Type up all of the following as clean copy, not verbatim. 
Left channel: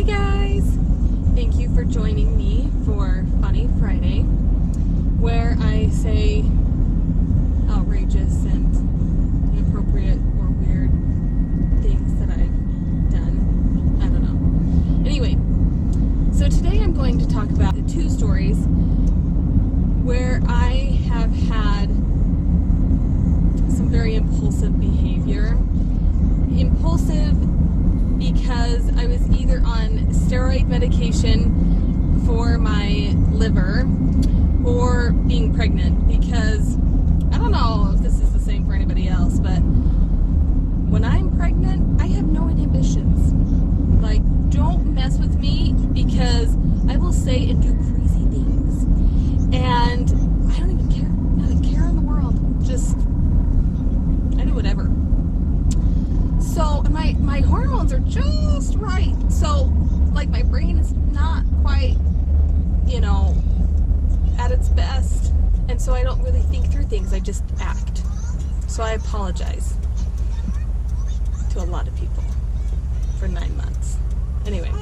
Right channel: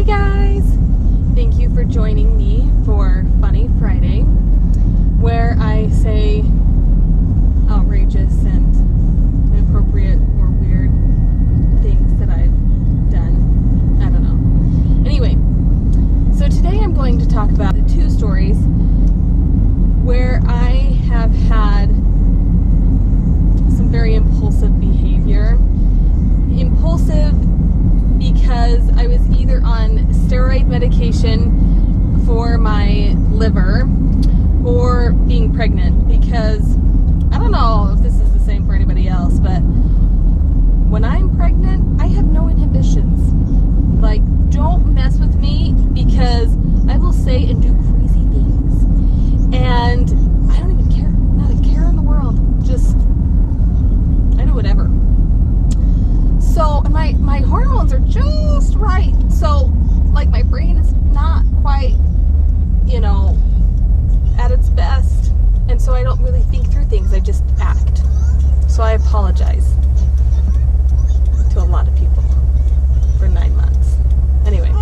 Hey guys! Thank you for joining me for Funny Friday, where I say outrageous and inappropriate or weird things that I've done. I don't know. Anyway, so today I'm going to talk about the two stories where I have had some very impulsive behavior. Impulsive because I was either on steroid medication for my liver or being pregnant, because I don't know if this is the same for anybody else, but when I'm pregnant, I have no inhibitions. Like, don't mess with me, because I will say and do crazy things, and I don't even care. Not a care in the world. Just, I do whatever. So, my hormones are just right. So, like, my brain is not quite, at its best. And so I don't really think through things. I just act. So I apologize to a lot of people for 9 months. Anyway,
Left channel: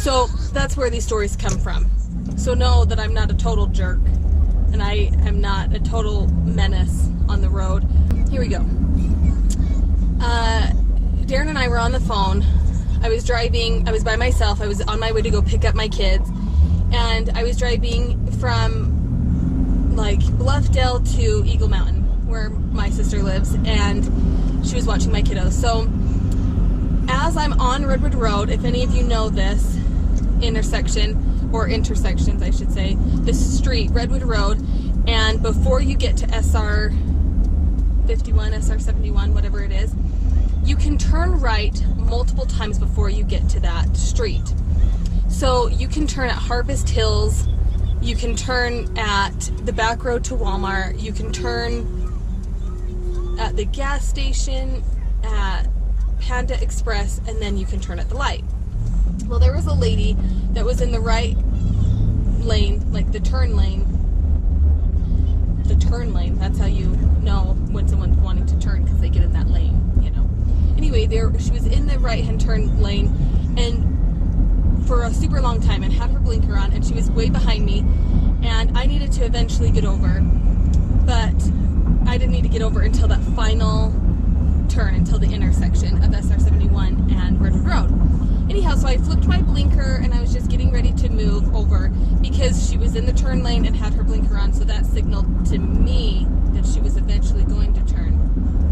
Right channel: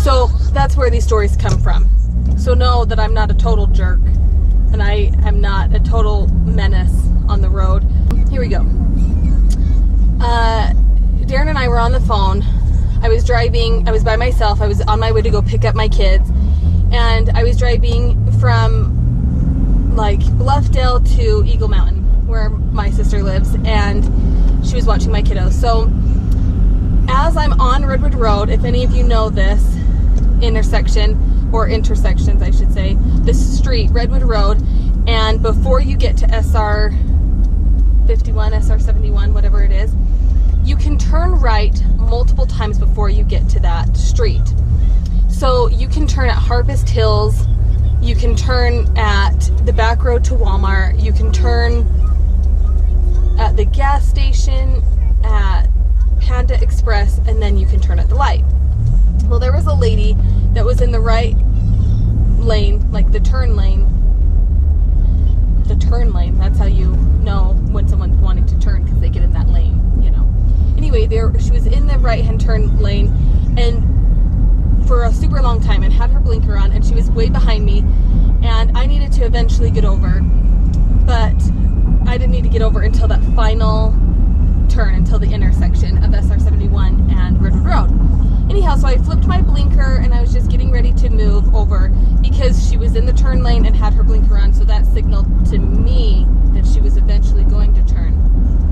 so that's where these stories come from. So know that I'm not a total jerk, and I am not a total menace on the road. Here we go. Darren and I were on the phone. I was driving, I was by myself. I was on my way to go pick up my kids, and I was driving from like Bluffdale to Eagle Mountain, where my sister lives, and she was watching my kiddos. So as I'm on Redwood Road, if any of you know this intersection, or intersections I should say, this street, Redwood Road, and before you get to SR 51, SR 71, whatever it is, you can turn right multiple times before you get to that street. So you can turn at Harvest Hills, you can turn at the back road to Walmart, you can turn at the gas station, at Panda Express, and then you can turn at the light. Well, there was a lady that was in the right lane, like the turn lane. The turn lane, that's how you know when someone's wanting to turn, because they get in that lane, Anyway, she was in the right-hand turn lane, and for a super long time, and had her blinker on, and she was way behind me, and I needed to eventually get over, but I didn't need to get over until that final turn, until the intersection of SR 71 and Redwood Road. Anyhow, so I flipped my blinker, and I was just getting ready to move over, because she was in the turn lane and had her blinker on, so that signaled to me that she was eventually going to turn,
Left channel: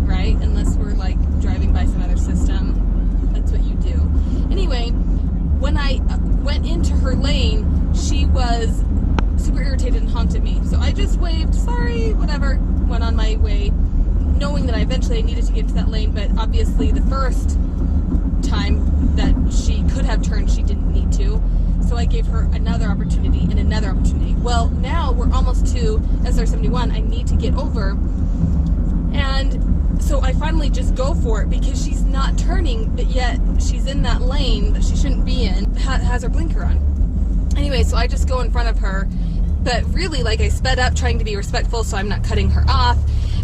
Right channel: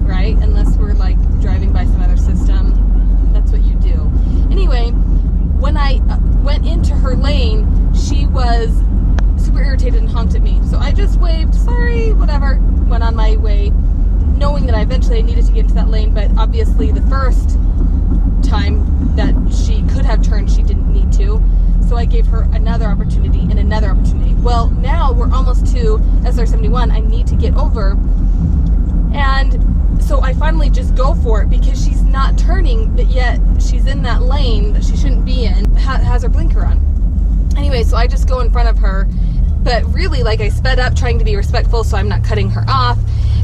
right? Unless we're like driving by some other system, that's what you do. Anyway, when I went into her lane, she was super irritated and honked at me. So I just waved, sorry, whatever, went on my way, knowing that I eventually needed to get to that lane, but obviously the first time that she could have turned, she didn't need to. So I gave her another opportunity and another opportunity. Well, now we're almost to SR 71. I need to get over. And so I finally just go for it, because she's not turning, but yet she's in that lane that she shouldn't be in, has her blinker on. Anyway, so I just go in front of her, but really, like, I sped up trying to be respectful, so I'm not cutting her off,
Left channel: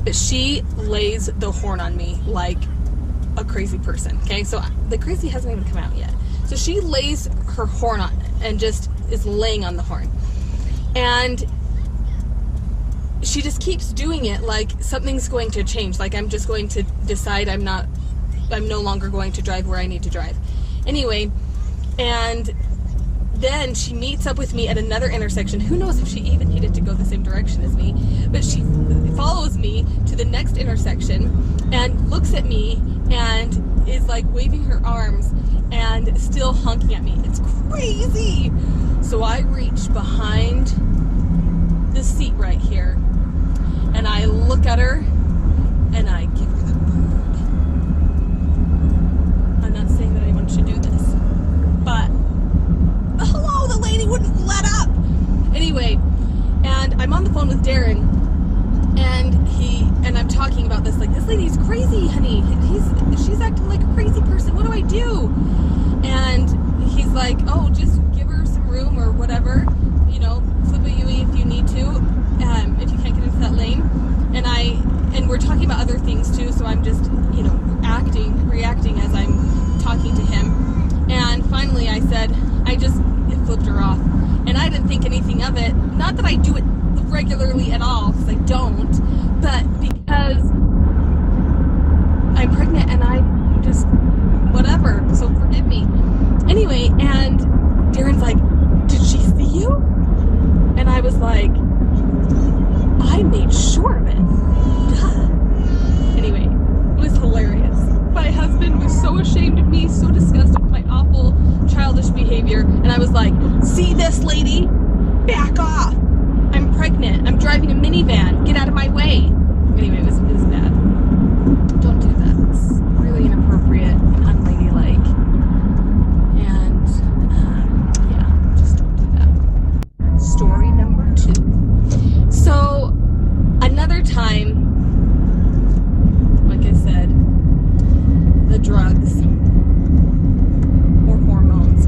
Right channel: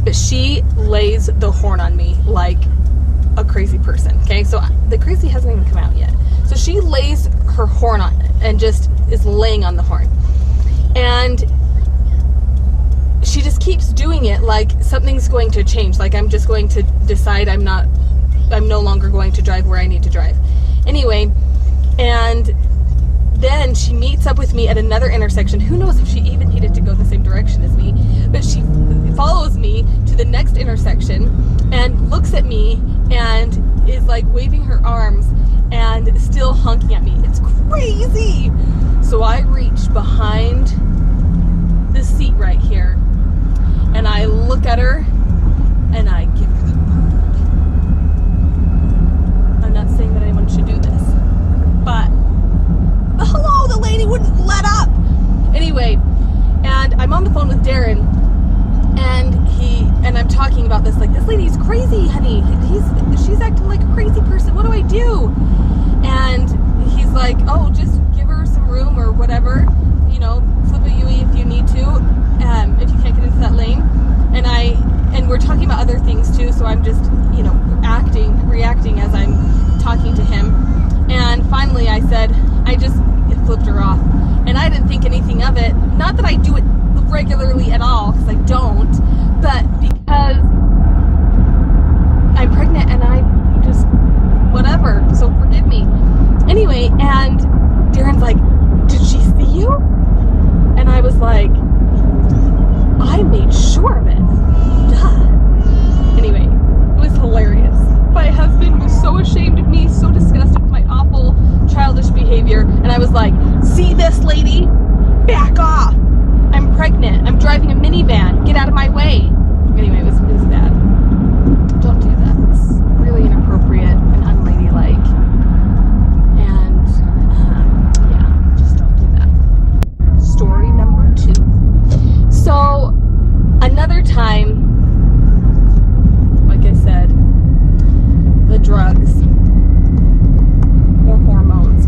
but she lays the horn on me like a crazy person, okay? So the crazy hasn't even come out yet. So she lays her horn on and just is laying on the horn. And she just keeps doing it like something's going to change, like I'm just going to decide I'm no longer going to drive where I need to drive. Anyway, and then she meets up with me at another intersection. Who knows if she even needed to go the same direction as me, but she follows me to the next intersection and looks at me and is like waving her arms and still honking at me. It's crazy. So I reach behind the seat right here, and I look at her, and I give her the bird. I'm not saying that anyone should do this, but hello, the lady wouldn't let up. Anyway, and I'm on the phone with Darren, and I'm talking about this, like, this lady's crazy, honey. She's acting like a crazy person. What do I do? And he's like, oh, just give her some room or whatever. Flip a UE if you need to, if you can't get into that lane. And we're talking about other things too, so I'm just, reacting as I'm talking to him. And finally I said, it flipped her off. And I didn't think anything of it. Not that I do it regularly at all, because I don't, but because I'm pregnant and I just, whatever, so forgive me. Anyway, and Darren's like, did she see you? And I was like, I made sure of it. Duh. Anyway, it was hilarious. My husband was so ashamed of me, so disgusted with my awful childish behavior, and I was like, see this lady? Back off. I'm pregnant. I'm driving a minivan. Get out of my way. Anyway, it was bad. Don't do that. It's really inappropriate and unladylike. And yeah, just don't do that. Story number 2. So another time, like I said, the drugs or hormones.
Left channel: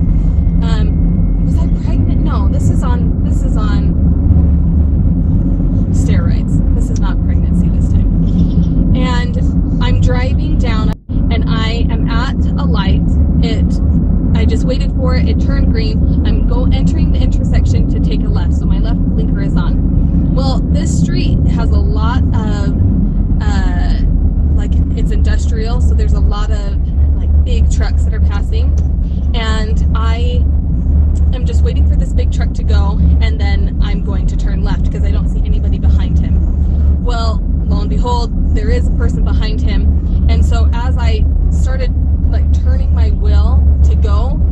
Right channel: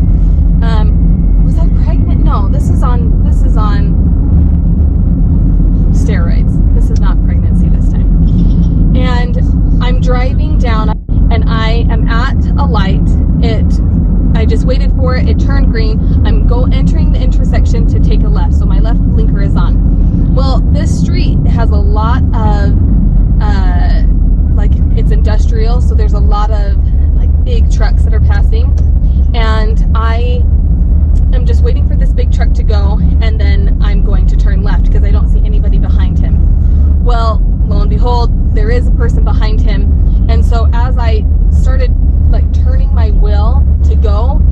Was I pregnant? No, this is on steroids. This is not pregnancy this time. And I'm driving down and I am at a light. I just waited for it. It turned green. I'm entering the intersection to take a left. So my left blinker is on. Well, this street has a lot of like, it's industrial, so there's a lot of like big trucks that are passing, and I am just waiting for this big truck to go, and then I'm going to turn left because I don't see anybody behind him. Well, lo and behold, there is a person behind him, and so as I started like turning my wheel to go,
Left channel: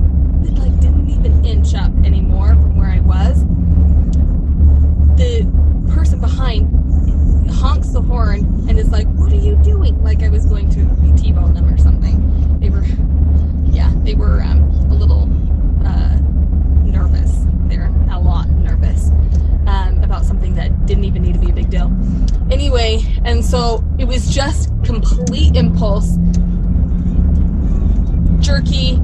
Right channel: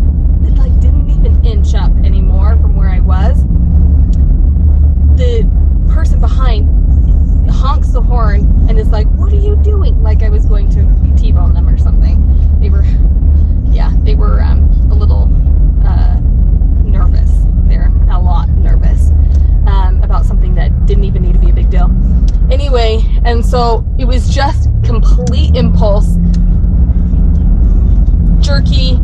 it like didn't even inch up anymore from where I was. The person behind honks the horn and is like, what are you doing? Like I was going to T-bone them or something. They were a little nervous. They're a lot nervous about something that didn't even need to be a big deal. Anyway, and so it was just complete impulse, jerky,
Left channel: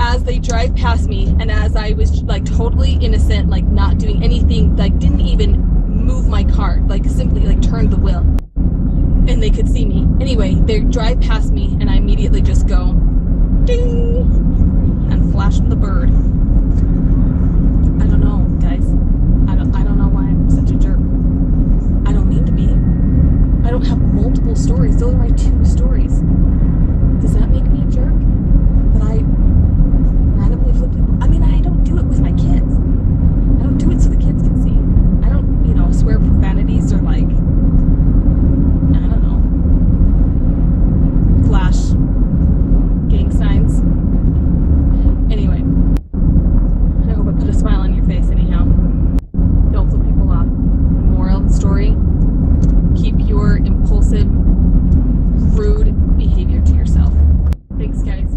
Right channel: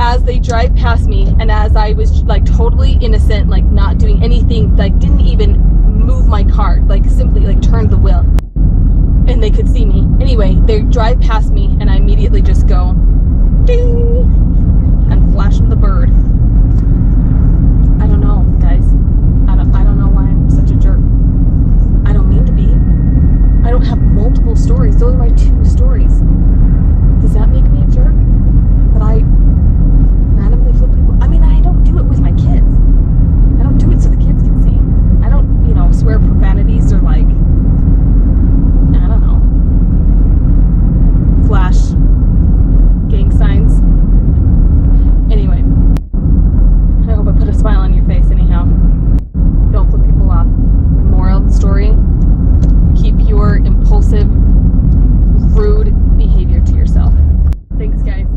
as they drive past me, and as I was like totally innocent, like not doing anything, like didn't even move my car, like simply like turned the wheel, and they could see me. Anyway, they drive past me and I immediately just go ding and flash them the bird. I don't know, guys. I don't know why I'm such a jerk. I don't mean to be. I don't have multiple stories. Those are my 2 stories. Does that make me a jerk? That I randomly flip people? I mean, I don't do it with my kids. I don't do it so the kids can see. I don't, swear profanities or like, I don't know, flash gang signs. Anyway, I hope I put a smile on your face anyhow. Don't flip people off. Moral of the story, keep your impulsive, rude behavior to yourself. Thanks, guys.